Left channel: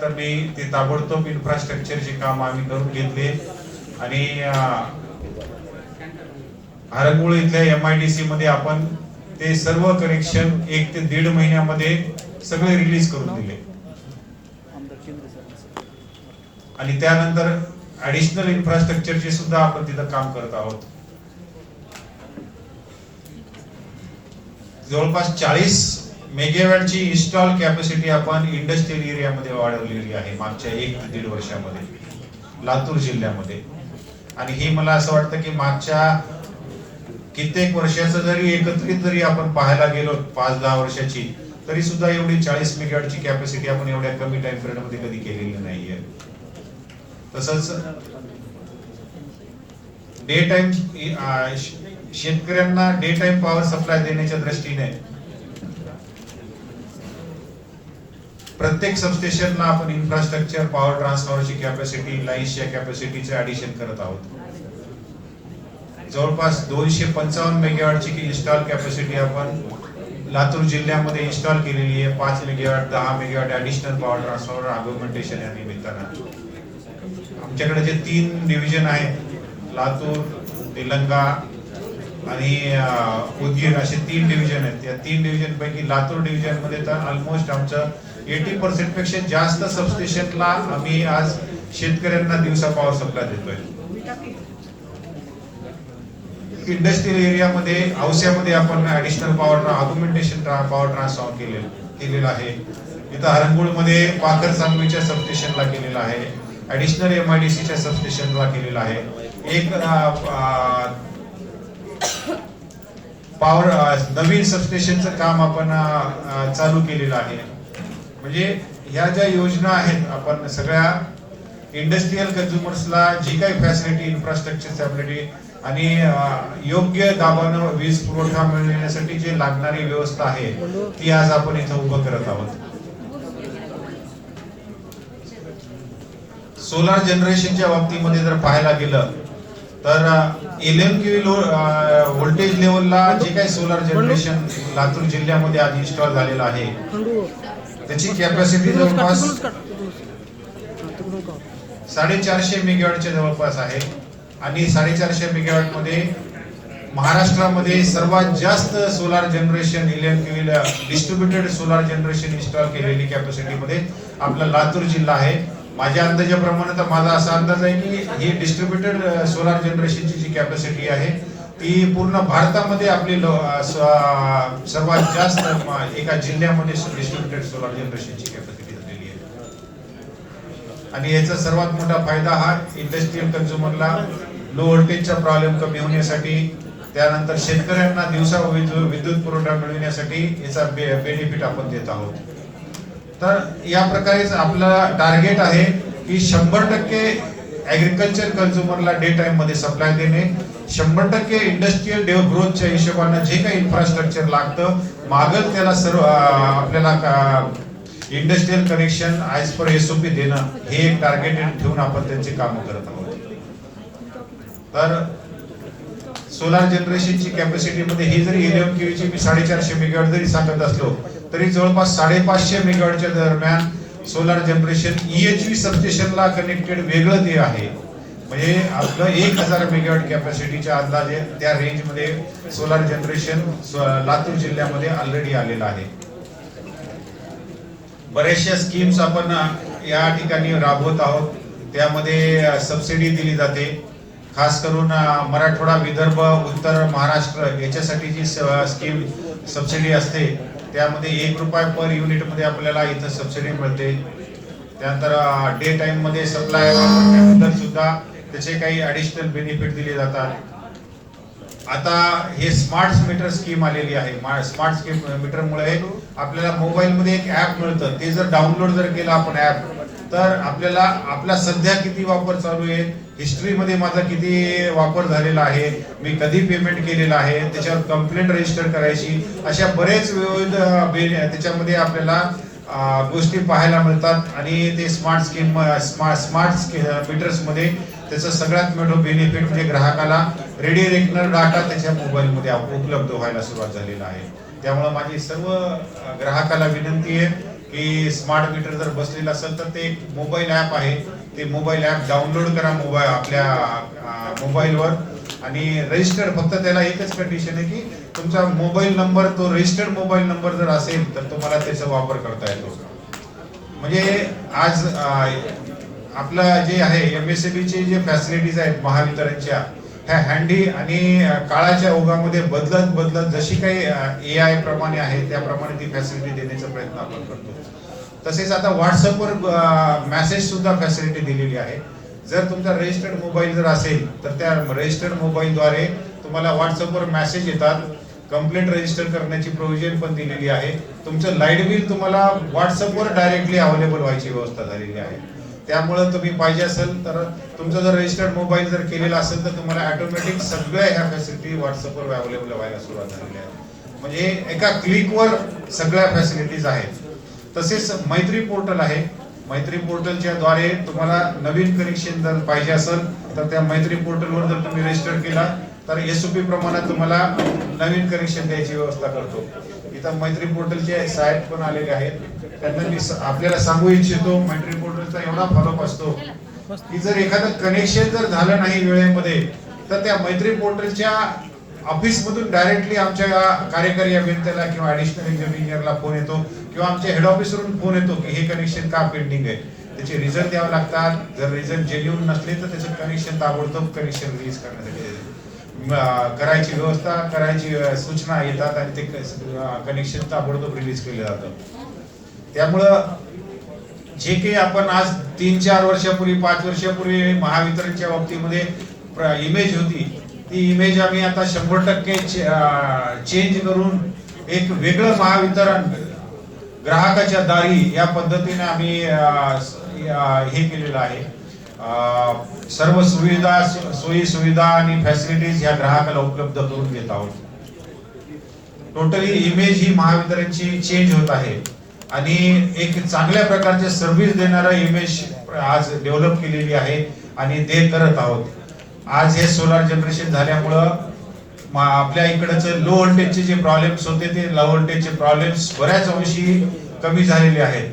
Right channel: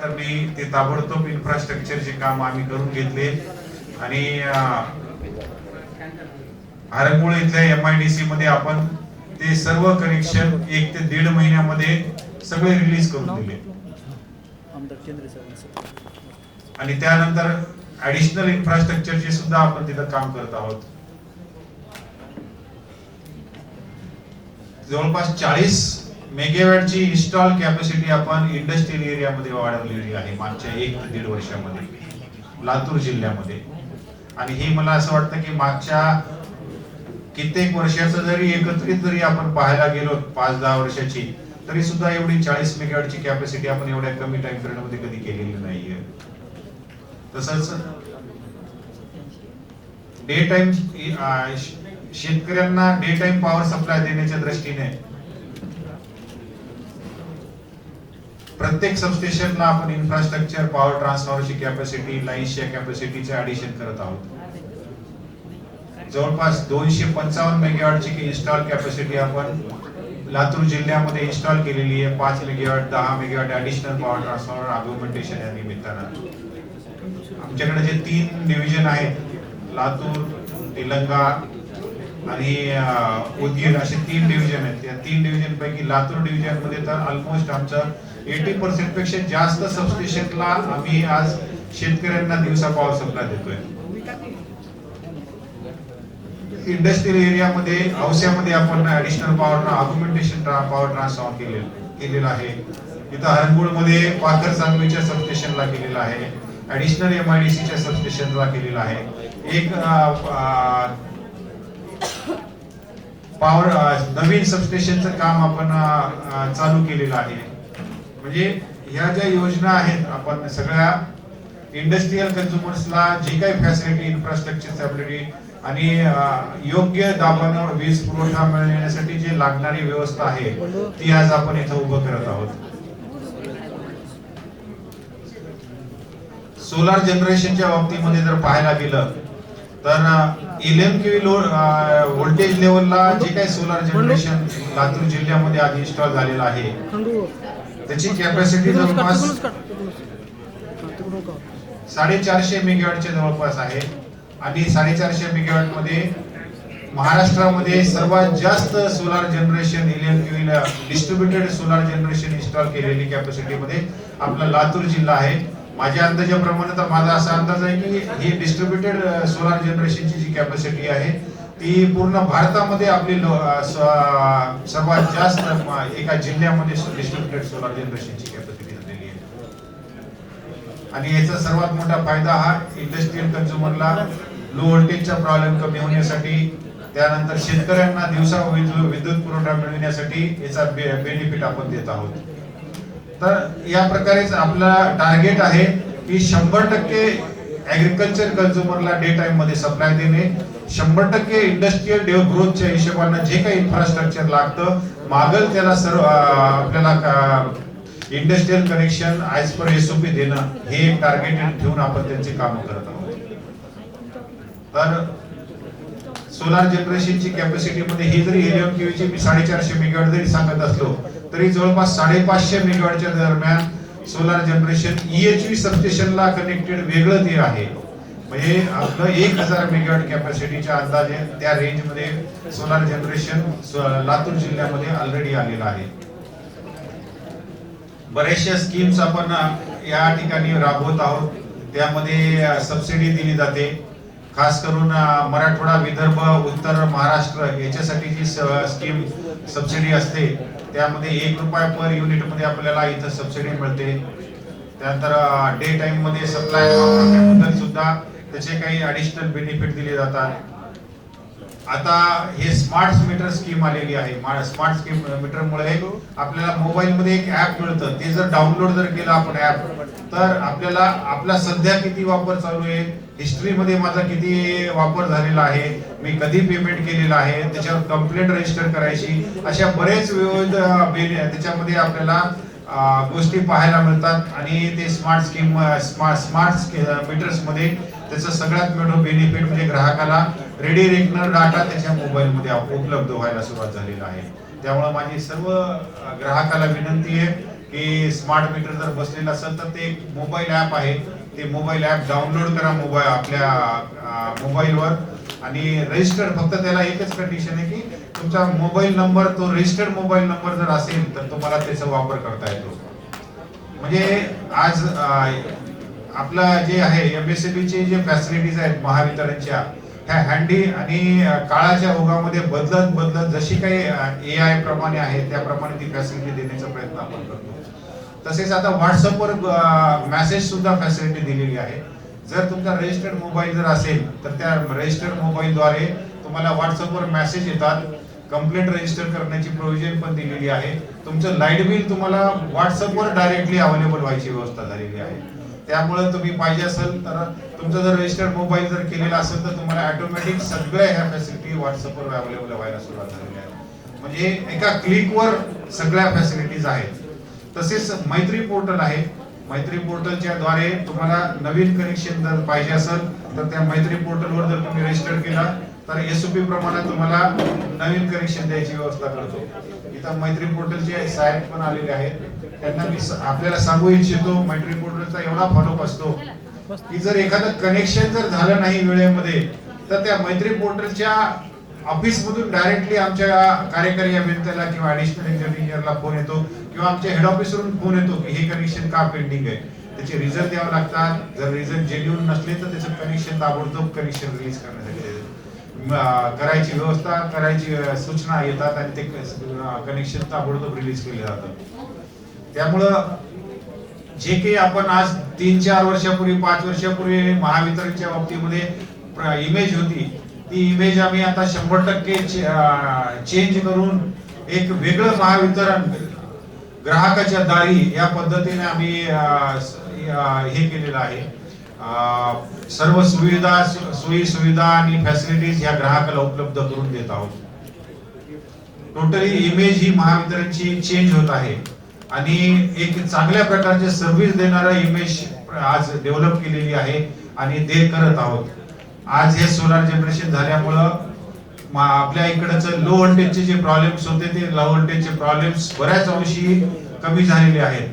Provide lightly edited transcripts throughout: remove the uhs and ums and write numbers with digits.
त्यानंतर मी ते ताबडतोब इन्फ्रास्ट्रक्चरचे काम आम्ही करून घेतले आणि हरंगुळ इथल्या MIDC मध्ये आपण ते सर्व कनेक्शन 1 ते 1.5 महिन्यामध्ये सगळे रिलीज करून दिले आणि त्यानंतर ऍडिशनल इन्फ्रास्ट्रक्चरचे सुद्धा आपण तिथं काम करत आहोत. जवळपास 40 मेगावॅटची इन्स्टॉल कॅपॅसिटी आपण इंडस्ट्रियल एरियामध्ये वाढवलेली आहे मागच्या 1 ते 1.5 वर्षामध्ये लातूर जिल्ह्यामध्ये. आणि हे मला असं वाटतं की मागच्या कित्येक वर्षाचं जरी एकत्रित जरी आपण पाहायला गेलो 5-10 वर्षाची, तरी सुद्धा एवढी 40 मेगावॅटची कॅपॅसिटी आपण एवढ्या कमी टाइम पिरियड मध्ये कधी केलेली नाहीये. तसंच डे टाइम शेतकऱ्यांना डे टाइम पॉवर सप्लाय देण्याच्या दृष्टीने प्रत्येक सबस्टेशनला आपण इन्फ्रास्ट्रक्चर, पॉवर ट्रान्सफॉर्मरची कॅपॅसिटी, लाईन्सच्या कॅपॅसिटीचं ऍडिशन करत आहोत. जवळपास 255 मेगावॅटची इन्स्टॉल कॅपॅसिटी आपण लातूर जिल्ह्यामध्ये इन्स्टॉल केलेली आहे. 5 megawatt, 10 megawatt additional power transformer augmentation या निमित्तानं आमच्याकडे जे 3 डिव्हिजन आहेत, लातूर, तेलंगा आणि उदगीर असे 3 डिव्हिजन आहेत. त्या 3 डिव्हिजन पैकी लातूर डिव्हिजन मध्ये तर ऑलमोस्ट आमचं 80% पेक्षा जास्त सबस्टेशनला आम्ही आज शेतकऱ्यांना दिवसा पॉवर सप्लाय देतोय. इंडस्ट्रियल एरियामध्ये औस्यामध्ये आपण ऍडिशनल पॉवर ऑग्युमेंटेशन पॉवर ट्रान्सफॉर्म केलेलं आहे. इथं हरंगुळमध्ये पाथर सांगवीच्या सबस्टेशनला केलेलं आहे. ऍडिशनल MIDCच्या सबस्टेशनला केलेलं आहे. एक पॉवर नवीन सबस्टेशनचं काम आपण चालू केलेलं आहे. म्हणजे ह्या ज्या योजना आहेत आपण सगळ्या इंडस्ट्रियल कन्झ्युमर्सला जी काही फॅसिलिटी, इन्फ्रास्ट्रक्चर फॅसिलिटी आणि योग्य दाबानं वीज पुरवठा मिळण्यासाठी जे लागणारी व्यवस्था आहे ती आज आपण इथं उभं करत आहोत. सोलार जनरेशनच्या बाबतीमध्ये जर पाहायला गेलं तर 11 kV व्होल्टेज लेवलला जे काही सोलार जनरेशन लातूर जिल्ह्यामध्ये आज इन्स्टॉल झालेलं आहे त्याची कॅपॅसिटी जवळपास 450 मेगावॅटच्या जवळपास आहे. आणि 450 मेगावॅट मध्ये महाराष्ट्रामध्ये सर्वात जास्त solar generation 11 kV distributed solar generation install केलेली कॅपॅसिटी मध्ये आपला लातूर जिल्हा आहे. माझ्या अंदाजाप्रमाणे तर माझा असा अंदाज आहे की ही डिस्ट्रीब्युटेड सोलार जनरेशनची जी कॅपॅसिटी आहे ती पूर्ण भारतामध्ये आपली सर्वात जास्त एका जिल्ह्यामध्ये डिस्ट्रीब्युटेड सोलार जनरेशनची कॅपॅसिटी झालेली आहे. आणि याचा सर्वात मोठा फायदा हा इंडस्ट्रियल कन्झ्युमरला लो व्होल्टेजचा प्रॉब्लेम कमी होण्यासाठी, त्यानंतर शेतकऱ्यांना दिवसा विद्युत पुरवठा मिळण्यासाठी याचा बेनिफिट आपण देत आहोत. तर या प्रकारेच आपलं टार्गेट आहे की 100% ऍग्रिकल्चर कन्झ्युमरला डे टाइम मध्ये सप्लाय देणे, 100% इंडस्ट्रियल ग्रोथच्या हिशोबाने जे काही इन्फ्रास्ट्रक्चर लागतं मागल त्याला सर्व आपल्याला industrial connection as per SOP देणं, हे एक टार्गेटेड ठेवून आपण त्यांची कामं करत आहोत. तर सोलार जनरेशनची कॅपॅसिटी मध्ये ही जरी 11 kV ची 450 मेगावॅट जरी सांगत असलो तरी जवळपास 550 मेगावॅटच्या दरम्यान सोलार जनरेशन EHV सबस्टेशनला कनेक्टेड वेगळं ते आहे. म्हणजे आपलं 1000 मेगावॅट कॅपॅसिटीच्या अंदाजे त्या रेंज मध्ये सोलार जनरेशन लातूर जिल्ह्यामध्ये ऑलरेडी आलेलं आहे. बऱ्याचशा स्कीम्स आपण या ठिकाणी राबवत आहोत. त्यामध्ये सबसिडी दिली जाते. खास करून मराठवाडा, विदर्भ, उत्तर महाराष्ट्र याच्यासाठी जी स्कीम सबसिडी असते त्यामध्ये 1 रुपया पर युनिट मध्ये आपल्याला इथं सबसिडी मिळते. त्यानंतर डे टाइम मध्ये सप्लाय वापरण्याबद्दल सुद्धा त्याचे काही ऍडिशनल बेनिफिट दिले जातात. आता हे स्मार्ट मीटर स्कीम आलेली आहे. स्मार्ट मीटर मुळे आपल्याला मोबाईल मध्ये एक ऍप मिळतं. ते जर डाउनलोड जर केलं आपण ऍप तर आपल्याला आपला सध्या किती वापर चालू आहे, हिस्ट्री मध्ये माझा किती वापर झालेला आहे, मी कधी पेमेंट केलेला आहे, त्याच्यावर कंप्लेंट रजिस्टर करायची, अशा बरेच विविध त्याच्यामध्ये आपल्याला गोष्टी पाहायला मिळतात. आणि ते स्मार्ट मीटर्स मध्ये त्याचा सगळ्यात मोठा बेनिफिट म्हणजे ग्राहकाला रेडी रेकनर डाटा त्याच्या मोबाईल मध्ये उपलब्ध व्हायला सुरुवात झालेला आहे. त्यामुळे माझी सर्व ग्राहकाला विनंती आहे की स्मार्ट मीटर जर बसलेलं असेल तर ते एक मोबाईल ॲप आहे, ते मोबाईल ॲप डाउनलोड करा आपल्या मोबाईलवर आणि रजिस्टर्ड, फक्त त्याला एकच कंडिशन आहे की तुमचा मोबाईल नंबर, तो रजिस्टर्ड मोबाईल नंबर जर असेल तर तुम्हाला त्याचा वापर करता येतो. म्हणजे आज आपलं जे आहे MSME चे जे फॅसिलिटीज आहेत महावितरणच्या, ह्या हँडी आणि काळाच्या ओघामध्ये बदलत बदलत जशी काही AI प्रमाणे आहे त्याप्रमाणे ती फॅसिलिटी देण्याचा प्रयत्न आपण करतो. तसेच आता व्हॉट्सअपवर मेसेज सुद्धा फॅसिलिटी दिलेली आहे. जर तुमचा रजिस्टर्ड मोबाईल जर असेल तर त्या रजिस्टर्ड मोबाईलद्वारे तुम्हाला व्हॉट्सअपवर मेसेज येतात. कंप्लेंट रजिस्टर करण्याची प्रोव्हिजन पण दिलेली आहे. तुमचं लाईट बिल तुम्हाला व्हॉट्सअपवर डायरेक्टली अवेलेबल व्हायची व्यवस्था झालेली आहे. त्यामुळे तुम्ही पाहिजे असेल तर तुमचा जर रजिस्टर्ड मोबाईल जर केलेला असेल तर तुम्हाला ऑटोमॅटिक सगळ्या ह्या फॅसिलिटी व्हॉट्सअपवर अवेलेबल व्हायला सुरुवात झालेली आहे. म्हणजे एका क्लिकवर सगळ्या फॅसिलिटीज आहेत. तसेच मैत्री पोर्टल आहे. मैत्री पोर्टलच्या द्वारे तुम्हाला नवीन कनेक्शन जर पाहिजे असेल तर त्या मैत्री पोर्टलवर जर तुम्ही रजिस्टर केला तर SOP प्रमाणे तुम्हाला नवीन कनेक्शन द्यायची व्यवस्था करतो. इथं मैत्री पोर्टलचे साहेब पण आलेले आहेत. त्यांना मी आपल्याला सांगू इच्छितो, मैत्री पोर्टलचा एवढा फरक असतो की जर एखादं कनेक्शन जर झालं नाही वेळेमध्ये तर त्या मैत्री पोर्टलच्या ऑफिस मधून डायरेक्टली आमच्या कार्यकारी अभियंत्याला किंवा ऍडिशनल इंजिनियरला फोन येतो किंवा आमच्या हेड ऑफिस वरून फोन येतो की हे कनेक्शन का पेंडिंग आहे. त्याचे रिझल्ट द्यावे लागतात. जर रिझल्ट जेन्युइन नसले तर त्याचं कनेक्शन ताबडतोब कनेक्शन रिलीज करण्यासाठी करायची व्यवस्था, करायची सूचना येतात आणि ते कनेक्शन ताबडतोब रिलीज केले जातं. त्यामुळं जे काही आपण आज 3-4 वर्षापूर्वी 5 वर्षापूर्वी महावितरणच्या बाबतीमध्ये इमेज होती, ती इमेज आम्ही आता 100% चेंज करून एक वेगळं महावितरण ग्राहकाच्या दारी या पद्धतीने आम्ही हे केलेलं आहे. सर्व सुविधा, सोयी सुविधा आणि फॅसिलिटीज ह्या ग्राहकाला उपलब्ध करून देत आहोत. टोटली इमेज ही महावितरणची चेंज होत आहे आणि एक चांगल्या प्रकारचे सर्व्हिस देणारा इमेज आज डेव्हलप केलेली आहे आणि ते करत आहोत. आज हे सोलार जनरेशन झाल्यामुळं आपल्या इकडचं लो व्होल्टेजचे जे प्रॉब्लेम्स होते ते लो व्होल्टेजचे प्रॉब्लेम्स बऱ्याच अंशी कमी झालेले आहेत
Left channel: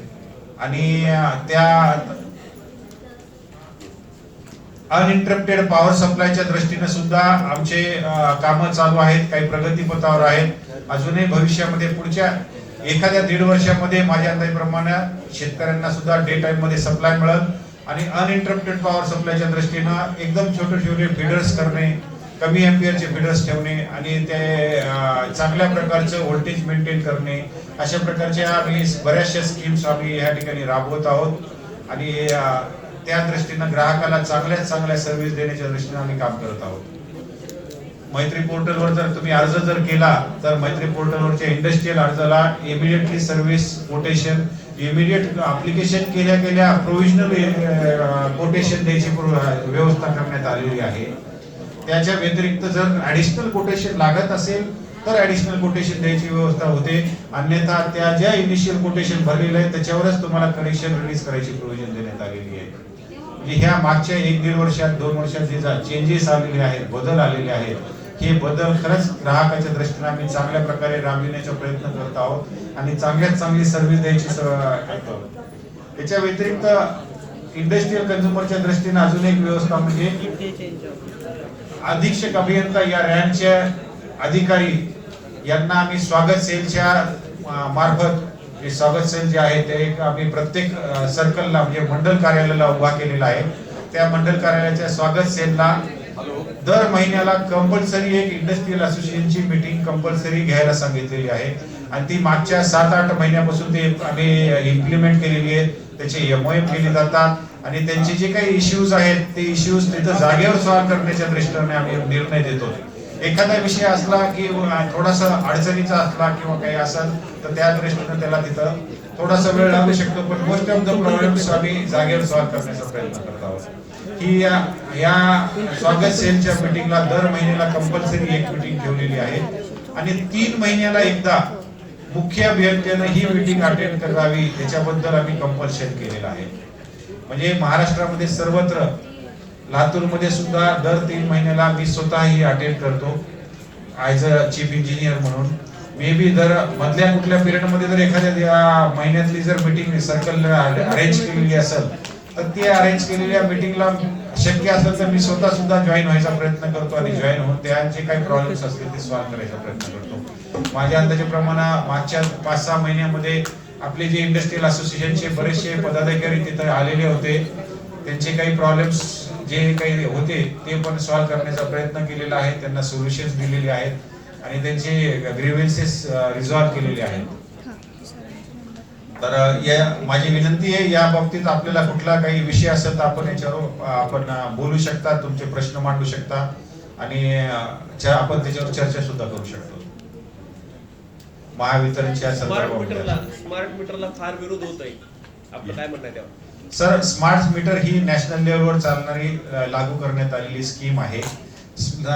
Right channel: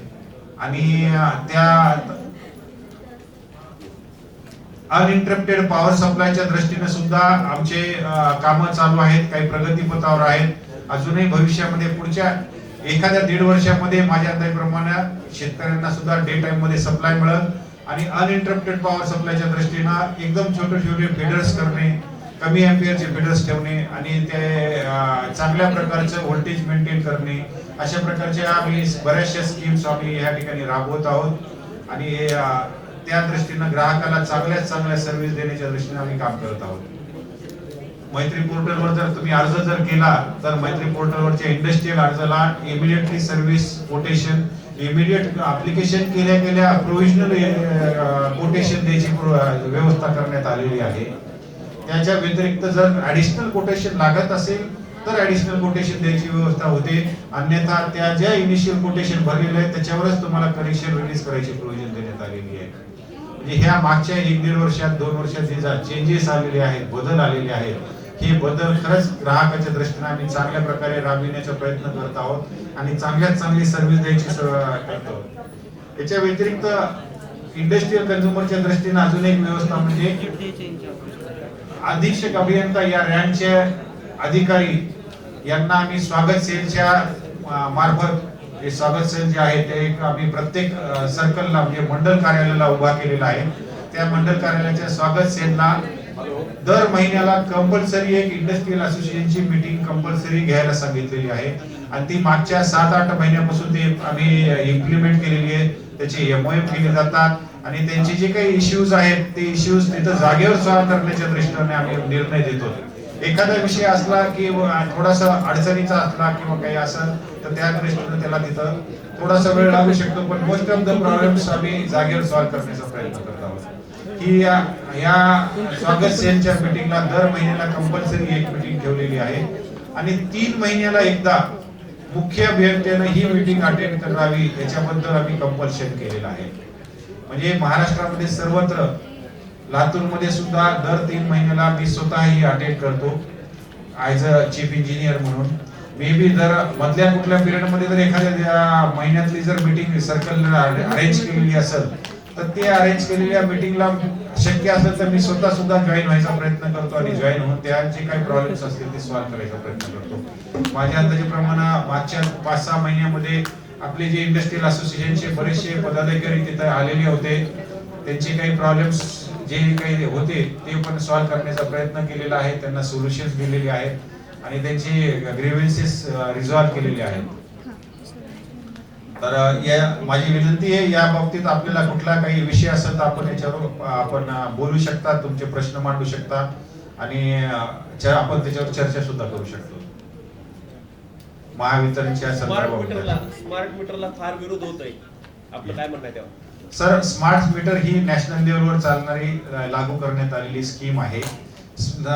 आणि त्या अनइंटरप्टेड पॉवर सप्लायच्या दृष्टीने सुद्धा आमचे कामं चालू आहेत, काही प्रगतीपथावर आहेत. अजूनही भविष्यामध्ये पुढच्या एखाद्या 1.5 वर्षामध्ये माझ्या अंदाजाप्रमाणे शेतकऱ्यांना सुद्धा डे टाइम मध्ये सप्लाय मिळेल आणि अनइंटरप्टेड पॉवर सप्लायच्या दृष्टीने एकदम छोटे छोटे फीडर्स करणे, कमी एम्पियरचे फीडर्स ठेवणे आणि ते चांगल्या प्रकारचं व्होल्टेज मेंटेन करणे, अशा प्रकारच्या आम्ही बऱ्याचशा स्कीम्स आम्ही या ठिकाणी राबवत आहोत आणि त्या दृष्टीने ग्राहकाला चांगल्यात चांगल्या सर्व्हिस देण्याच्या दृष्टीने आम्ही काम करत आहोत. मैत्री पोर्टलवर जर तुम्ही अर्ज जर केला तर मैत्री पोर्टलवरच्या इंडस्ट्रियल अर्जाला immediately service quotation, immediate application केल्या प्रोव्हिजनल कोटेशन द्यायची व्यवस्था करण्यात आलेली आहे. त्याच्या व्यतिरिक्त जर ऍडिशनल कोटेशन लागत असेल तर ऍडिशनल कोटेशन द्यायची व्यवस्था होते. अन्यथा त्या ज्या इनिशियल कोटेशन भरलेलं आहे त्याच्यावरच तुम्हाला कनेक्शन रिलीज करायची प्रोव्हिजन देण्यात आलेली आहे. म्हणजे ह्या मागच्या 1-1.5 वर्षात 2 वर्षात जे चेंजेस आलेले आहेत, बदल आलेले आहेत, हे बदल खरंच ग्राहकाच्या दृष्टीने आम्ही चांगल्या प्रकारे राबविण्याचा प्रयत्न करत आहोत आणि चांगल्यात चांगली सर्व्हिस द्यायची करतो. याच्या व्यतिरिक्त इंडस्ट्रियल कन्झ्युमरच्या दृष्टीने अजून एक व्यवस्था म्हणजे अधीक्षक अभियंता या रँकचे अधिकारी यांना आम्ही स्वागत सेलच्या मार्फत, हे स्वागत सेल जे आहे ते आम्ही प्रत्येक सर्कलला म्हणजे मंडल कार्यालयाला उभा केलेला आहे. त्या मंडल कार्यालयाच्या स्वागत सेलला दर महिन्याला कंपल्सरी एक इंडस्ट्रियल असोसिएशनची मीटिंग कंपल्सरी घ्यायला सांगितलेली आहे आणि ती मागच्या 7-8 महिन्यापासून ते आम्ही इम्प्लिमेंट केलेली आहे. त्याचे MOM केले जातात आणि त्यांचे जे काही इश्यूज आहेत ते इश्यूज तिथं जागेवर सॉल्व्ह करण्याच्या दृष्टीने आम्ही निर्णय देतो. एखादा विषय असला की थोडासा अडचणीचा असला किंवा काही असेल तर त्या दृष्टीने त्याला तिथं थोडासा वेळ लागू शकतो, पण मोस्ट ऑफ द प्रॉब्लेम्स आम्ही जागेवर सॉल्व्ह करण्याचा प्रयत्न करत आहोत. ही या स्वागत सेलच्या मीटिंगला दर महिन्याला कंपल्सरी एक मीटिंग ठेवलेली आहे आणि 3 महिन्याला एकदा मुख्य अभियंत्याने ही मीटिंग अटेंड करावी याच्याबद्दल आम्ही कंपल्शन केलेलं आहे. म्हणजे महाराष्ट्रामध्ये सर्वत्र, लातूर मध्ये सुद्धा दर 3 महिन्याला मी स्वतः ही अटेंड करतो ऍज अ चीफ इंजिनियर म्हणून. मे बी जर मधल्या कुठल्या पिरियड मध्ये जर एखाद्या महिन्यातली जर मीटिंग सर्कल अरेंज केलेली असेल तर ती अरेंज केलेल्या मीटिंगला शक्य असेल तर मी स्वतः सुद्धा जॉईन व्हायचा प्रयत्न करतो आणि जॉईन होऊन त्यांचे काही प्रॉब्लेम्स असतील ते सॉल्व्ह करायचा प्रयत्न करतो. माझ्या अंदाजाप्रमाणे मागच्या 5-6 महिन्यामध्ये आपले जे इंडस्ट्रियल असोसिएशनचे बरेचसे पदाधिकारी तिथे आलेले होते. त्यांचे काही प्रॉब्लेम्स जे काही होते ते पण सॉल्व्ह करण्याचा प्रयत्न केलेला आहे. त्यांना सोल्युशन्स दिलेले आहेत आणि त्यांचे ग्रीव्हन्सेस रिझॉल्व्ह केलेले आहेत. तर माझी विनंती आहे या बाबतीत आपल्याला कुठला काही विषय असेल तर आपण याच्यावर आपण बोलू शकता, तुमचे प्रश्न मांडू शकता आणि आपण त्याच्यावर चर्चा सुद्धा करू शकतो. महावितरणच्या स्मार्ट मीटरला फार विरोध होत आहे, आपलं काय म्हणणं आहे त्यावर? सर, स्मार्ट मीटर ही नॅशनल लेवलवर चालणारी लागू करण्यात आलेली स्कीम आहे.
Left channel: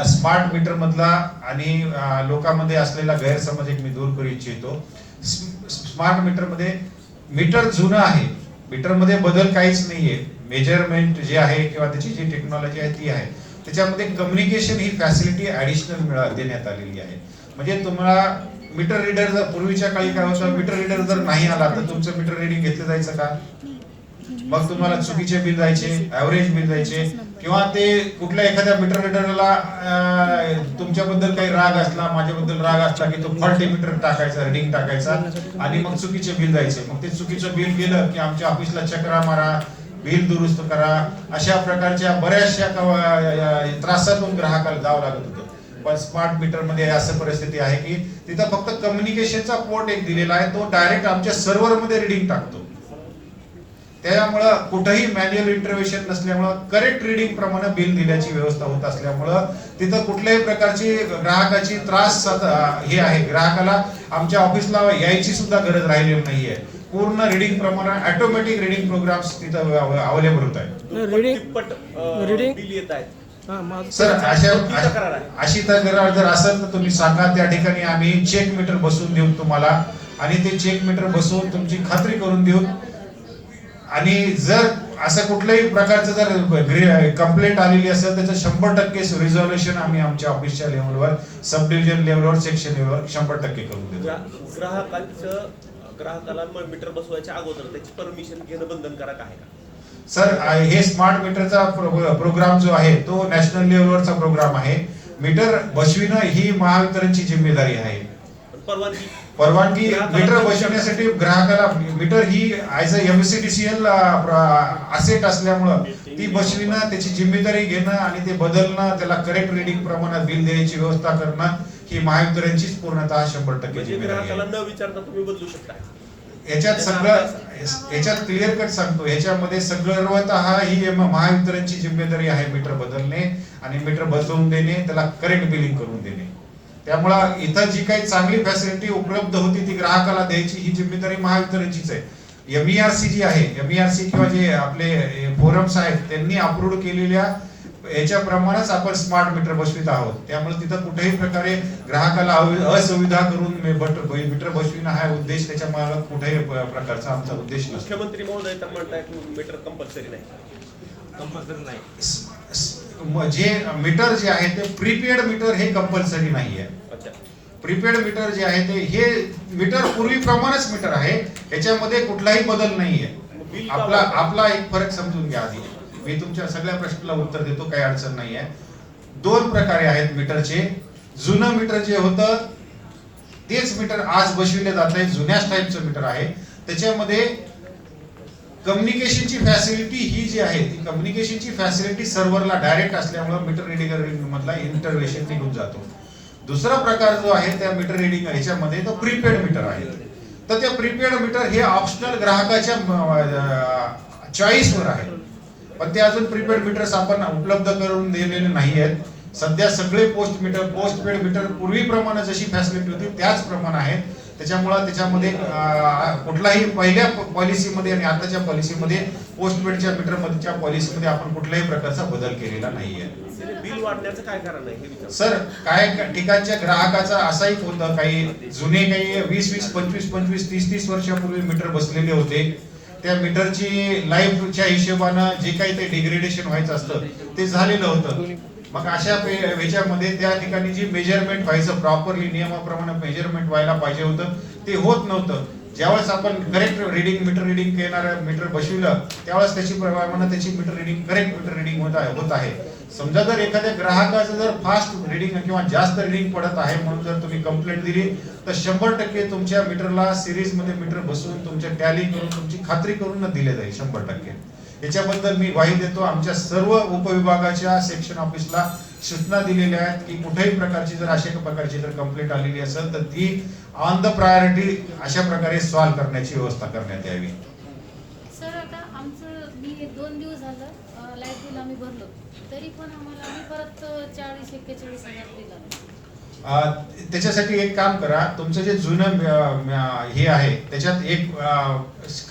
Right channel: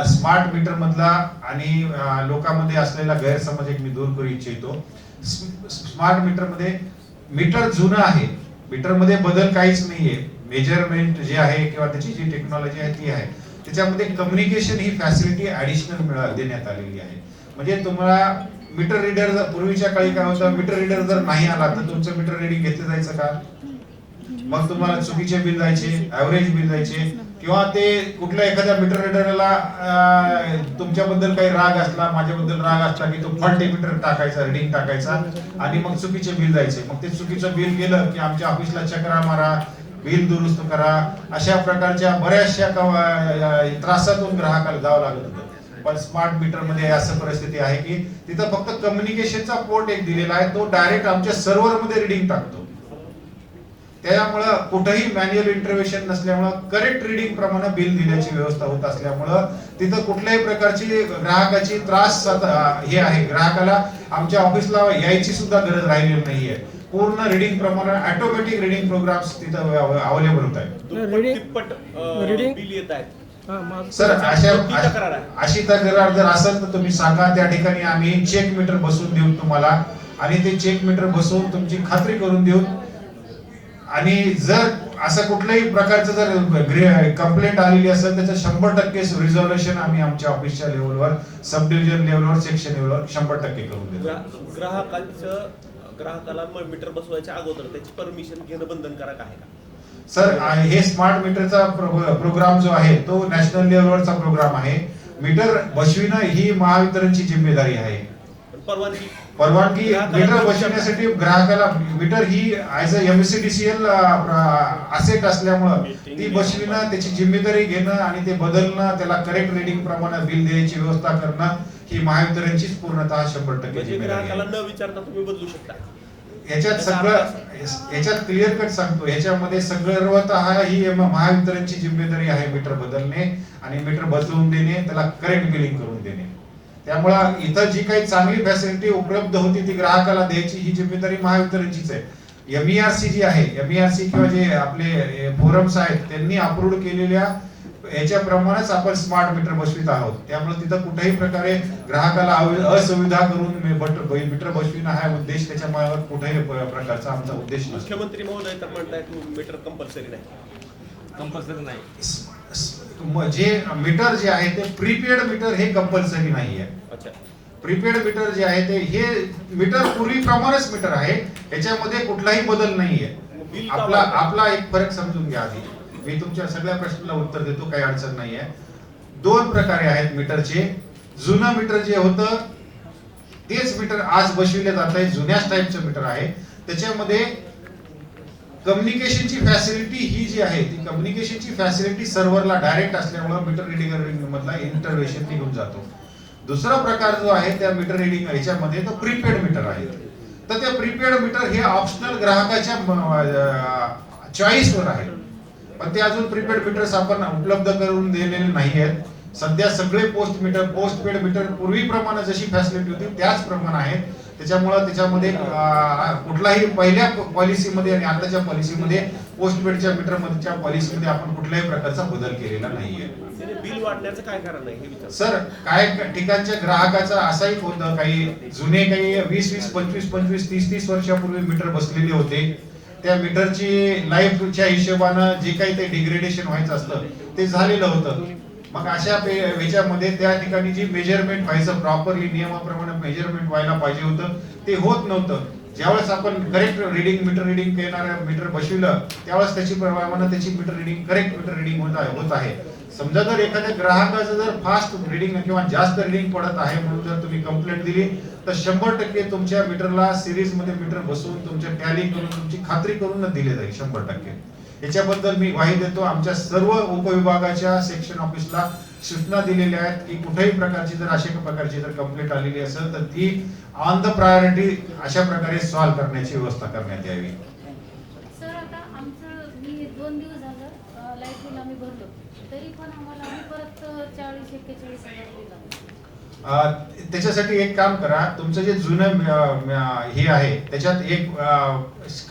स्मार्ट मीटर मधला आणि लोकांमध्ये असलेला गैरसमज एक मी दूर करू इच्छितो. स्मार्ट मीटर मध्ये मीटर जुनं आहे, मीटर मध्ये बदल काहीच नाहीये. मेजरमेंट जे आहे किंवा त्याची जी टेक्नॉलॉजी आहे ती आहे. त्याच्यामध्ये कम्युनिकेशन ही फॅसिलिटी ऍडिशनल देण्यात आलेली आहे. म्हणजे तुम्हाला मीटर रीडर जर पूर्वीच्या काळी काय होतं, मीटर रीडर जर नाही आला तर तुमचं मीटर रीडिंग घेतलं जायचं का? मग तुम्हाला चुकीचे बिल जायचे, ऍव्हरेज बिल जायचे किंवा ते कुठल्या एखाद्या मीटर रीडरला तुमच्याबद्दल काही राग असला, माझ्याबद्दल राग असला की तो फॉल्टी मीटर टाकायचा, रीडिंग टाकायचा आणि मग चुकीचे बिल जायचे. मग ते चुकीचं बिल गेलं की आमच्या ऑफिसला चक्रा मारा, बिल दुरुस्त करा, अशा प्रकारच्या बऱ्याचशा त्रासातून ग्राहकाला जावं लागत होतं. पण स्मार्ट मीटर मध्ये असं परिस्थिती आहे की तिथं फक्त कम्युनिकेशनचा पोर्ट एक दिलेला आहे, तो डायरेक्ट आमच्या सर्व्हर मध्ये रीडिंग टाकतो. त्यामुळे कुठेही मॅन्युअल इंटरव्हेन्शन नसल्यामुळे करेक्ट रीडिंग प्रमाणे बिल दिल्याची व्यवस्था होत असल्यामुळे तिथं कुठल्याही प्रकारची ग्राहकाची त्रास हे आहे. ग्राहकाला आमच्या ऑफिसला यायची सुद्धा गरज राहिलेली नाहीये. पूर्ण रीडिंग प्रमाणे ऑटोमॅटिक रीडिंग प्रोग्राम्स तिथं अवेलेबल होत आहेत. बिल येत आहेत. सर, अशी तक्रार जर असेल तर तुम्ही सांगा, त्या ठिकाणी आम्ही चेक मीटर बसवून देऊ तुम्हाला आणि ते चेक मीटर बसवून तुमची खात्री करून देऊ. आणि जर असं कुठल्याही प्रकारचं जर कंप्लेंट आलेली असेल त्याचं 100% रिझॉल्युशन आम्ही आमच्या ऑफिसच्या लेवलवर, सब डिव्हिजन लेवलवर, सेक्शन लेवलवर 100% करून देतो. ग्राहकाला मीटर बसवायच्या अगोदर त्याची परमिशन घेणं बंधनकारक आहे का? सर, हे स्मार्ट मीटरचा प्रोग्राम जो आहे तो नॅशनल लेवलवरचा प्रोग्राम आहे. मीटर बसविणं ही महावितरणची जिम्मेदारी आहे. परवानगी मीटर बसवण्यासाठी ग्राहकाला, मीटर ही ऍज अ एमसीडीसीएल असेट असल्यामुळे ती बसविणं, त्याची जिम्मेदारी घेणं आणि ते बदलणं, त्याला करेक्ट रीडिंग प्रमाणात बिल द्यायची व्यवस्था करणं ही महावितरणचीच पूर्णतः 100% म्हणजे ग्राहकाला न विचारता तुम्ही बदलू शकता. याच्यात क्लिअर कट सांगतो, याच्यामध्ये सर्वतः ही महावितरणची जिम्मेदारी आहे मीटर बदलणे आणि मीटर बदलून देणे, त्याला करेक्ट बिलिंग करून देणे. त्यामुळे इथं जी काही चांगली फॅसिलिटी उपलब्ध होती ती ग्राहकाला द्यायची ही जिम्मेदारी महावितरणचीच आहे. एमईआरसी जी आहे, एमईआरसी किंवा जे आपले फोरम्स आहेत त्यांनी अप्रूव्ह केलेल्या याच्याप्रमाणेच आपण स्मार्ट मीटर बसवित आहोत. त्यामुळे तिथं कुठेही प्रकारे ग्राहकाला असुविधा करून मीटर बसविणं हा उद्देश, त्याच्या मागे कुठेही प्रकारचा आमचा उद्देश नसतो. मुख्यमंत्री महोदय तर म्हणतायत मीटर कंपल्सरी नाही. जे मीटर जे आहे ते प्रीपेड मीटर हे कंपल्सरी नाहीये. प्रीपेड मीटर जे आहे ते हे मीटर पूर्वीप्रमाणेच मीटर आहे, याच्यामध्ये कुठलाही बदल नाहीये. आपला एक फरक समजून घ्या आधी. मी तुमच्या सगळ्या प्रश्नाला उत्तर देतो, काही अडचण नाहीये. 2 प्रकारे आहेत मीटरचे. जुनं मीटर जे होतं तेच मीटर आज बसविले जात आहे, जुन्याच टाईपचं मीटर आहे. त्याच्यामध्ये कम्युनिकेशनची फॅसिलिटी ही जी आहे ती कम्युनिकेशनची फॅसिलिटी सर्व्हरला डायरेक्ट असल्यामुळे मीटर रिडिंग मधला इंटरव्हेन्शन निघून जातो. दुसरा प्रकार जो आहे त्या मीटर रिडिंग ह्याच्यामध्ये तो प्रीपेड मीटर आहे. तर ते प्रीपेड मीटर हे ऑप्शनल ग्राहकाच्या चॉईसवर आहे, पण ते अजून प्रीपेड मीटर्स आपण उपलब्ध करून दिलेले नाही आहेत. सध्या सगळे पोस्टपेड मीटर पूर्वीप्रमाणे जशी फॅसिलिटी होती त्याच प्रमाणे आहेत. त्याच्यामध्ये कुठलाही पहिल्या पॉलिसीमध्ये आणि आताच्या पॉलिसीमध्ये पोस्टपेडच्या मीटरमधच्या पॉलिसीमध्ये आपण कुठल्याही प्रकारचा बदल केलेला नाहीये. बिल वाढण्याचं काय कारण आहे हे विचार. सर, काय ठिकाणच्या ग्राहकाचा असाही होतं, काही जुने काही 20-20, 25-25, 30-30 वर्षापूर्वी मीटर बसलेले होते. त्या मीटरची लाईफच्या हिशोबानं जे काही ते डिग्रेडेशन व्हायचं असतं ते झालेलं होतं. मग अशा ह्याच्यामध्ये त्या ठिकाणी जी मेजरमेंट व्हायचं प्रॉपरली नियमाप्रमाणे मेजरमेंट व्हायला पाहिजे होतं ते होत नव्हतं. ज्यावेळेस आपण करेक्ट रीडिंग मीटर रीडिंग करणारं मीटर बसविलं त्यावेळेस त्याची प्रमाणे त्याची meter reading correct meter reading होत आहे. समजा जर एखाद्या ग्राहकाचं जर फास्ट रीडिंग किंवा जास्त रीडिंग पडत आहे म्हणून जर तुम्ही कंप्लेंट दिली तर 100% तुमच्या मीटरला सिरीज मध्ये मीटर बसवून तुमच्या टॅली करून तुमची खात्री करूनच दिले जाईल 100%. याच्याबद्दल मी ग्वाही देतो. आमच्या सर्व उपविभागाच्या सेक्शन ऑफिसला सूचना दिलेल्या आहेत की कुठल्याही प्रकारची जर अशा प्रकारची जर कंप्लेंट आलेली असेल तर ती ऑन द प्रायोरिटी अशा प्रकारे सॉल्व्ह करण्याची व्यवस्था करण्यात यावी. सर आता आमचं मी 2 दिवस झालं लाईट बिल आम्ही भरलो तरी पण आम्ही परत 40-41 दिला. त्याच्यासाठी एक काम करा, तुमचं जे जुनं हे आहे त्याच्यात एक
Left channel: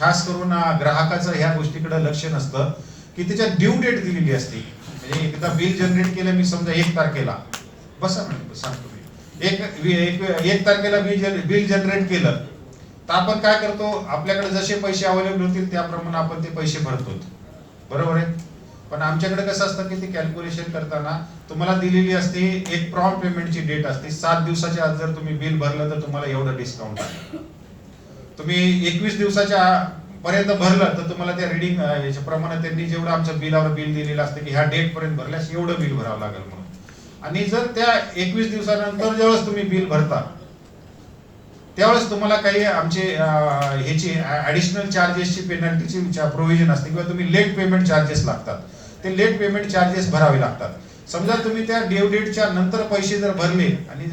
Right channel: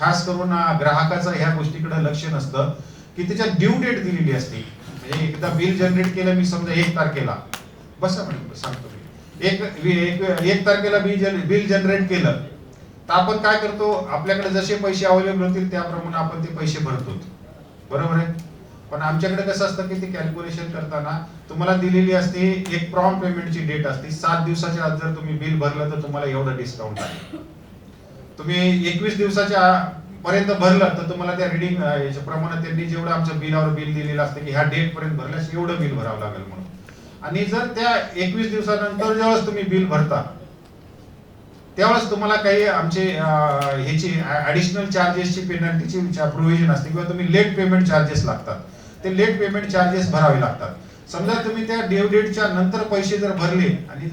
खास करून ग्राहकाचं ह्या गोष्टीकडे लक्ष नसतं की त्याच्यात ड्यू डेट दिलेली असते. म्हणजे एकदा बिल जनरेट केलं मी समजा 1 तारखेला बसा मॅडम सांगतो मी 1 तारखेला बिल जनरेट केलं तर आपण काय करतो आपल्याकडे जसे पैसे अवेलेबल होतील त्याप्रमाणे आपण ते पैसे भरतो, बरोबर आहे. पण आमच्याकडे कसं असतं की ते कॅल्क्युलेशन करताना तुम्हाला दिलेली असते एक प्रॉम्प्ट पेमेंटची डेट असते. 7 दिवसाच्या आत जर तुम्ही बिल भरलं तर तुम्हाला एवढं डिस्काउंट आहे. तुम्ही 21 दिवसाच्या पर्यंत भरलं तर तुम्हाला त्या रिडिंग याच्या प्रमाणे त्यांनी जेवढं आमच्या बिलावर बिल दिलेलं असतं की ह्या डेट पर्यंत भरल्यास एवढं बिल भरावं लागेल म्हणून. आणि जर त्या 21 दिवसानंतर जेव्हा तुम्ही बिल भरता त्यावेळेस तुम्हाला काही आमचे ह्याची ऍडिशनल चार्जेसची पेनल्टीची प्रोव्हिजन असते किंवा तुम्ही लेट पेमेंट चार्जेस लागतात. ते लेट पेमेंट चार्जेस भरावे लागतात. समजा तुम्ही त्या ड्यू डेटच्या नंतर पैसे जर भरले आणि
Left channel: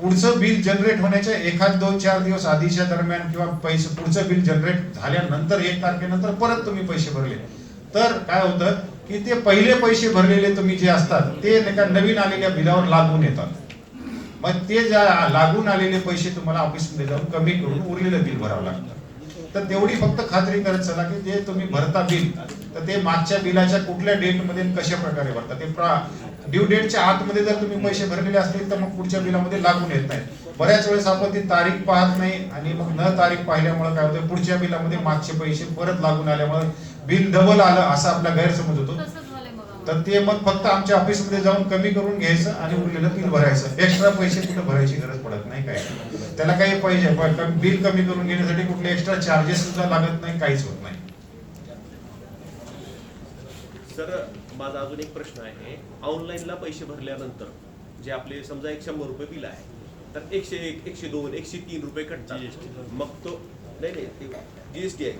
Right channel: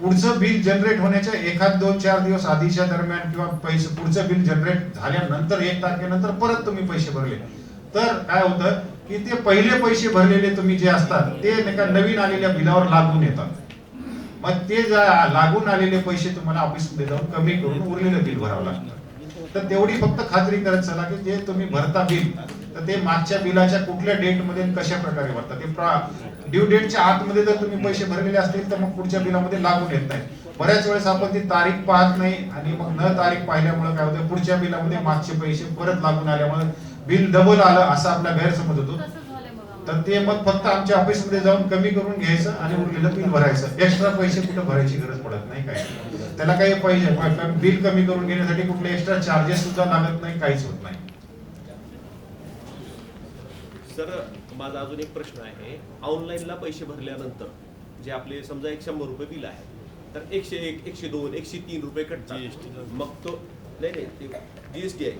पुढचं बिल जनरेट होण्याच्या 1, 2, 4 दिवस आधीच्या दरम्यान किंवा पैसे पुढचं बिल जनरेट झाल्यानंतर 1 तारखेनंतर परत तुम्ही पैसे भरले तर काय होतं की ते पहिले पैसे भरलेले तुम्ही जे असतात ते नवीन आलेल्या बिलावर लागून येतात. मग ते लागून आलेले पैसे तुम्हाला ऑफिसमध्ये जाऊन कमी करून उरलेलं बिल भरावं लागतं. तर तेवढी फक्त खात्री करत चला की जे तुम्ही भरता बिल तर ते मागच्या बिलाच्या कुठल्या डेट मध्ये कशा प्रकारे भरता. ते ड्यू डेटच्या आतमध्ये जर तुम्ही पैसे भरलेले असतील तर मग पुढच्या बिलामध्ये लागून येत नाही. बऱ्याच वेळेस आपण ती तारीख पाहत नाही आणि मग न तारीख पाहिल्यामुळे काय होतं पुढच्या बिलामध्ये मागचे पैसे परत लागून आल्यामुळे बिल डबल आलं असा आपला गैरसमज होतो. तर ते मग फक्त आमच्या ऑफिसमध्ये जाऊन कमी करून घ्यायचं आणि उरलेलं बिल भरायचं. एक्स्ट्रा पैसे कुठे भरायची गरज पडत नाही. काय त्याला काही पैसे बिल कमी करून घेण्यासाठी कुठले एक्स्ट्रा चार्जेस सुद्धा लागत नाही, काहीच होत नाही. सर माझा अजून एक प्रश्न आहे. ऑनलाईनला पैसे भरल्यानंतर जे आपले समजा 100 रुपये बिल आहे तर 101, 102, 103 रुपये कटतात. मग तो नाही जीएसटी आहे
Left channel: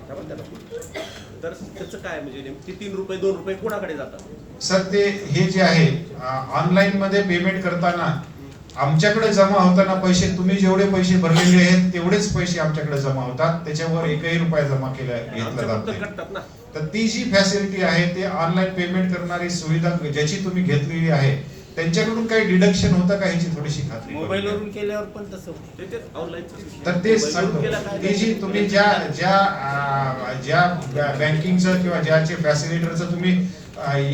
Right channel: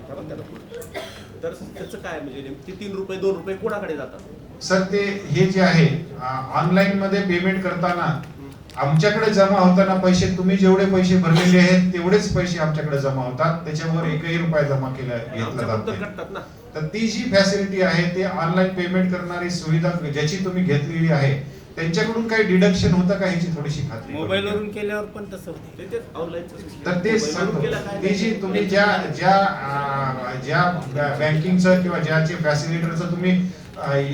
तर त्याचं काय म्हणजे नेमके 3 रुपये 2 रुपये कोणाकडे जातात? सर ते हे जे आहे ऑनलाईन मध्ये पेमेंट करताना आमच्याकडे जमा होताना पैसे तुम्ही जेवढे पैसे भरलेले आहेत तेवढेच पैसे आमच्याकडे जमा होतात. त्याच्यावर 1ही रुपया जमा कटतात ना. तर ती जी फॅसिलिटी आहे ते ऑनलाईन पेमेंट करणारी सुविधा ज्याची तुम्ही घेतलेली आहे त्यांच्याकडून काही डिडक्शन होतं का ह्याची थोडीशी खात्री. मोबाईलवरून केल्यावर पण तसं तर ते ती जी तुम्ही ज्या बँकिंगचं किंवा ज्याचे फॅसिलिटरचं तुम्ही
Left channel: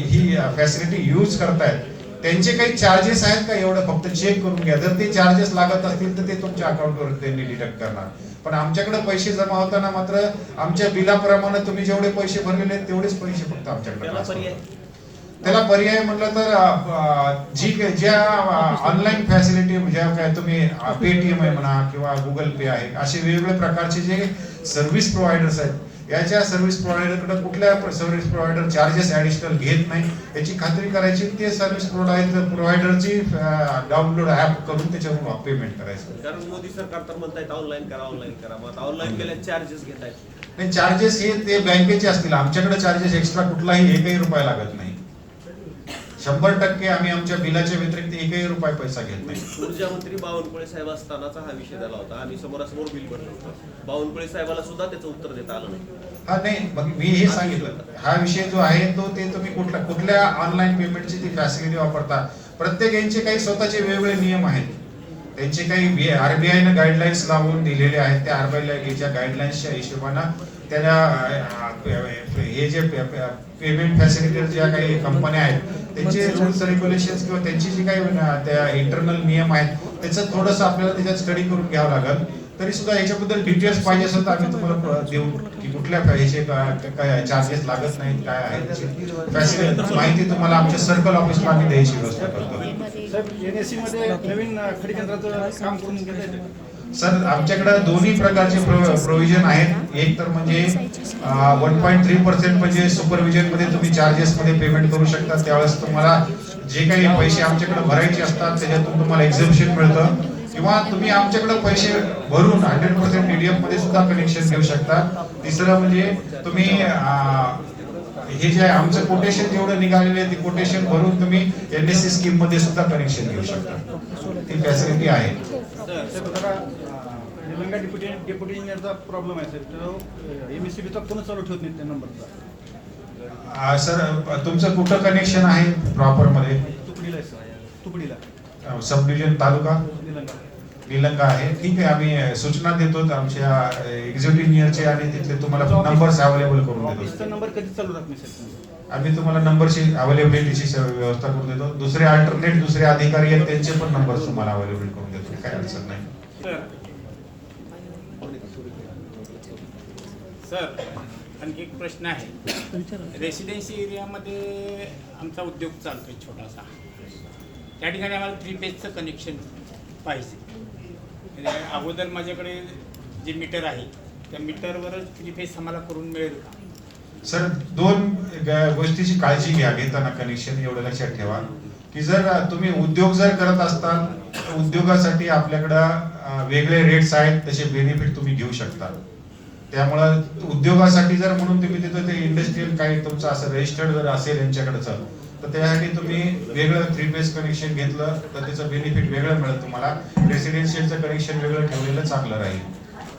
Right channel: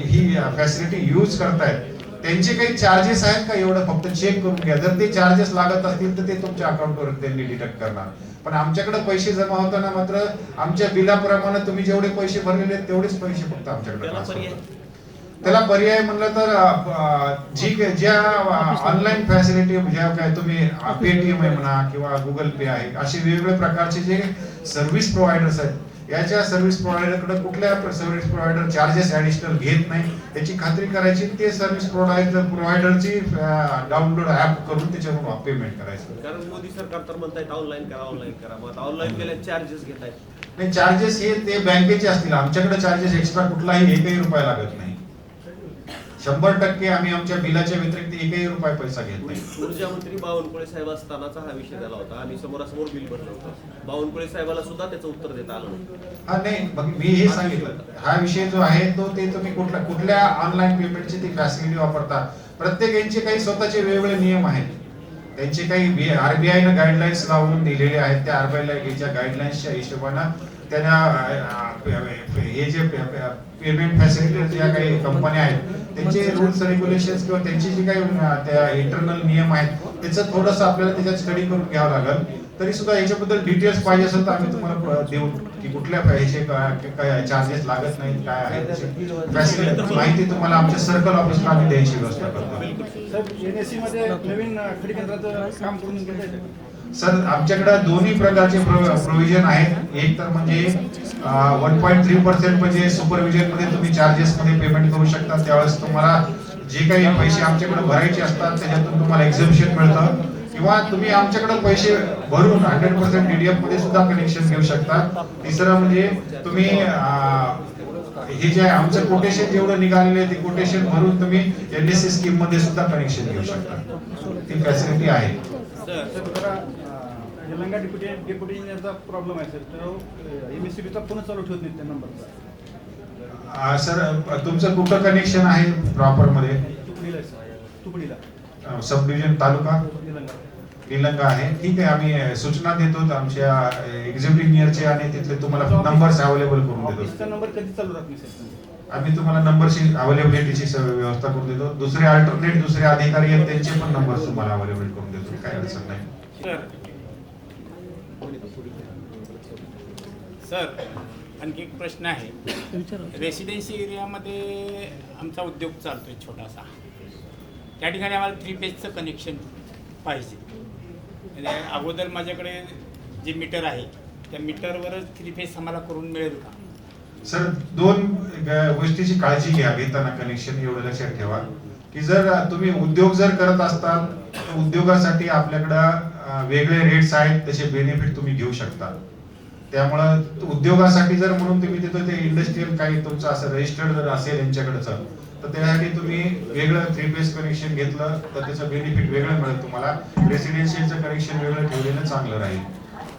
ही फॅसिलिटी यूज करताय त्यांचे काही चार्जेस आहेत का एवढं फक्त चेक करून घ्या. जर ते चार्जेस लागत असतील तर ते तुमच्या अकाउंटवर त्यांनी डिडक्ट करणार. पण आमच्याकडे पैसे जमा होताना मात्र आमच्या बिलाप्रमाणे तुम्ही जेवढे पैसे भरलेले आहेत तेवढेच पैसे फक्त आमच्याकडे. त्याला पर्याय म्हणलं तर ज्या ऑनलाईन फॅसिलिटी ज्या काय तुम्ही पेटीएम आहे म्हणा किंवा गुगल पे आहे असे वेगवेगळे प्रकारचे जे सर्व्हिस प्रोव्हायडर्स आहेत याच्या सर्व्हिस प्रोव्हायडरकडे कुठल्या सर्व्हिस प्रोव्हायडर चार्जेस ऍडिशनल घेत नाही याची खात्री करायची. ते सर्व्हिस प्रोव्हायडरची डाउनलोड ऍप करून त्याच्यावर पेमेंट करायचं. कारण मोदी सरकार तर म्हणतायत ऑनलाईन करा मग ऑनलाईन केल्या चार्जेस घेत आहेत. ते चार्जेस हे ते बँकेचे असतील. आमच्याकडे चार्जेस एक्स्ट्रा कुठलाही 1ही रुपया लागत नाही. 100% आम्ही आमच्या बिलाच्या व्यतिरिक्त 1ही रुपया पैसा घेत नाही. ऊर्जा मंत्री बावनकुळे साहेब असतानाचा हा विषय झाला होता. आम्ही समोरासमोर बिल भरलं होतं. बावनकुळे साहेबाला सुद्धा त्याचं उत्तर देता आलं नाही. हा नाही मग मी हे सांगितलं हा विषय जो आहे तो ते तुम्ही कुठल्या ऑनलाईन पेमेंटची ती फॅसिलिटी वापरता. प्रत्येक यांचे काही स्वतःचे वेगवेगळे नियम आहेत. त्यांचे काही आरबीआयनं गाईडलाईन्स लावून दिलेले आहेत. त्या आरबीआयच्या गाईडलाईन्सच्या हिशोबानं त्यांना हे जे पेमेंट फॅसिलिटी ज्या काही कंपन्या आहेत त्यांचे रूल्स रेग्युलेशन्स किंवा त्यांची जी काही त्या इंटरनल नियम आहेत त्याचं थोडंसं आपल्याला त्याच्यात स्टडी करून घ्यावं लागेल. तरी सुद्धा याच्याबद्दल डिटेल्स पाहिजे असेल तर आम्ही तुम्हाला देऊ की कुठल्या ह्याचे काय चार्जेस लागत नाहीत, काय आहे त्याची फॅसिलिटी माहिती तुम्हाला आमच्या सर्कल ऑफिसला आम्ही द्यायची व्यवस्था करतो. साहेब NSE मध्ये नवीन खडी केंद्राचं काम करून घेता येतं. सर आमच्याकडे दोन्ही प्रकारचे प्रोव्हिजन आहेत. एक तर म्हणजे 1.3% म्हणजे सुपरविजन मध्ये तुम्ही चार्जेस मध्ये पेमेंट करू शकता. त्यावेळेस तुम्हाला जे काही पैसे आमच्याकडे भरायचे असतात त्याच्यातून तुम्हाला एक्झम्पशन मिळतं, किंवा तुम्ही आमच्याकडे पैसे भरून 100% DDF मध्ये सुद्धा कनेक्शन घेऊ शकता. तिसरं म्हणजे तुम्ही हे जे आमचं कोटेशन जेवढं निघालेले आहे ते कोटेशन भरून तुम्ही NSE स्कीम मध्ये सुद्धा कनेक्शन घेऊ शकता. ती फॅसिलिटी आहे. निलंगा डेप्युटी इंजिनियरचा प्रॉब्लेम आहे सर. तो MSCBचा फोन चालू ठेवत नाही त्या नंबरचा. सर तुमचं कुठं कनेक्शन आहे प्रॉपर मध्ये? तुकडीला आहे सर, तुकडीला सब डिव्हिजन तालुका निलंगा. निलंगा आहे. ठीक आहे, आम्ही सूचना देतो आमच्या एक्झिक्युटिव्ह इंजिनियरचे आणि तिथले तुम्हाला नंबर्स अवेलेबल करून ऑफिसचा देतो. नंबर कधी चालू राहत नाही सर. आम्ही तुम्हाला नंबरची अवेलेबिलिटीची व्यवस्था करून देतो. दुसरे अल्टरनेट दुसरे अधिकारी आहेत त्यांचे पण नंबर तुम्हाला अवेलेबल करून देतो, काय अडचण नाही. सर आणखी एक प्रश्न आहे. रेसिडेन्सी एरियामध्ये आमचा उद्योग चालतोय छोटासा. त्या ठिकाणी आम्हाला 3 फेजचं कनेक्शन पाहिजे. म्हणजे अगोदर माझ्याकडे जे मीटर आहे त्या मीटरवरच 3 फेज आम्हाला करून मिळेल का? सर दोन गोष्टीची काळजी घ्या घेताना कनेक्शन. एवढं लक्षात ठेवा की जर तुम्ही उद्योग जर करत असताल तर उद्योगासाठी आपल्याकडं वेगळे रेट्स आहेत, तसे बेनिफिट तुम्ही घेऊ शकता. त्यामुळं उद्योगासाठी जर म्हणून तुम्ही तिथं ते इंडस्ट्रियल काही तुमचं असं रजिस्टर्ड जर असेल यांच्याकडचं, तर त्यासाठी तुम्ही वेगळं 3 फेज कनेक्शन घेतलं तर त्याचं बेनिफिट वेगळं मिळेल तुम्हाला. रेसिडेन्शियलचं कनेक्शन वेगळं ठेवलेलं चांगलं राहील,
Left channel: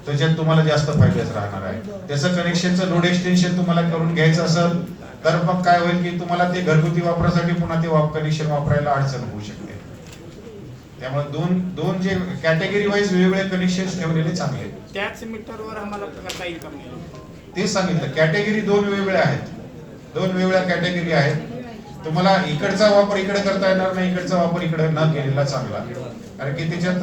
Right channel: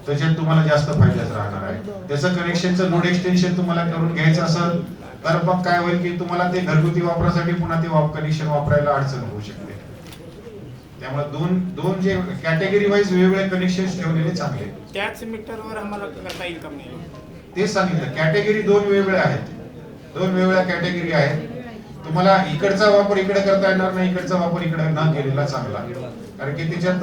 त्याच्यात तुम्हाला जास्त फायद्याचं राहणार आहे. त्याचं कनेक्शनचं लोड एक्सटेन्शन तुम्हाला करून घ्यायचं असेल तर मग काय होईल की तुम्हाला ते घरगुती वापरासाठी पुन्हा ते कनेक्शन वापरायला अडचण होऊ शकते. त्यामुळे दोन जे कॅटेगरी वाईज वेगवेगळे कनेक्शन ठेवलेले चांगले. त्याच मीटरवर आम्हाला करता येईल का नाही? ते सांगितलं कॅटेगरी दोन वेगवेगळ्या आहेत, दोन वेगवेगळ्या कॅटेगरी आहेत. तुम्हाला इकडचा वापर इकडे करता येणार नाही, इकडचा वापर इकडे न केलेला चांगला. कारण की त्याच्यात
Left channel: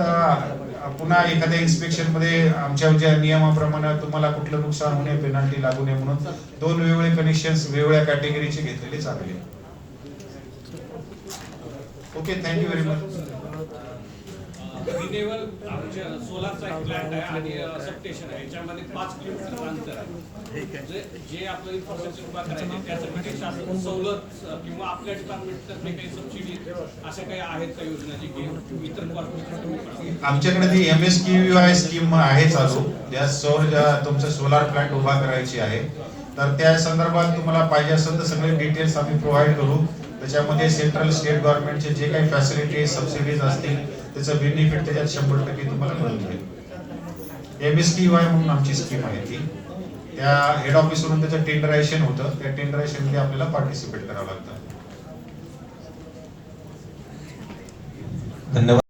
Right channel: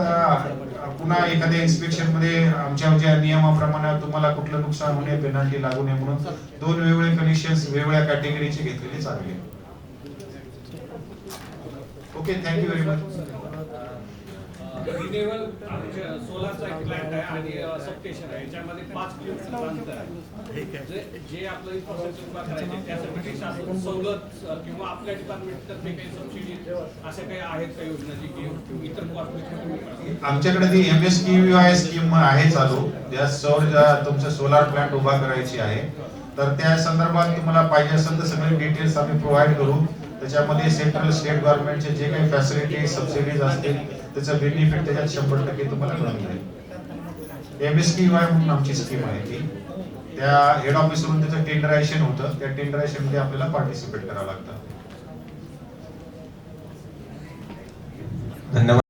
पुन्हा एखाद्या इन्स्पेक्शन मध्ये आमच्या ज्या नियमाप्रमाणे तुम्हाला कुठलं नुकसान होणे, पेनल्टी लागू नये म्हणून दोन वेगवेगळे कनेक्शन वेगवेगळ्या कॅटेगरीचे घेतलेले चांगले. Okay, thank you very much. Renewal आमच्या सोलारचा एक प्लॅन्ट आहे आणि सबस्टेशन आहे. याच्यामध्ये 5 किलोमीटर अंतर आहे. जे आपलं इन्फ्रास्ट्रक्चर उभा करायचं आहे त्यासाठी शासन सवलत किंवा आपल्या डिपार्टमेंटतर्फे काही सबसिडी अशा काही आहेत का योजना जी की इतर कॉर्पोरेशन? आमच्याकडे ती MSKVY स्कीम आहे चालू, ज्या तुमचं सोलार प्लांट उभा करायची आहे. तर त्या संदर्भात तुम्हाला पाहिजे असेल तर सगळे डिटेल्स आम्ही प्रोव्हाइड करू. त्याच्यामध्ये सेंट्रल स्टेट गव्हर्नमेंटचे जे काही फॅसिलिटी सबसिडीज असतील त्याचं बेनिफिट त्याच्यात 100% तुम्हाला मिळून मिळेल. MSKVY म्हणून आमची स्कीम आहे ती. त्या हेड ऑफिस वरून त्याचं टेंडरायझेशन होतं. त्या टेंडरायझेशन मध्ये आपल्याला पार्टिसिपेट करावं लागतं. धन्यवाद.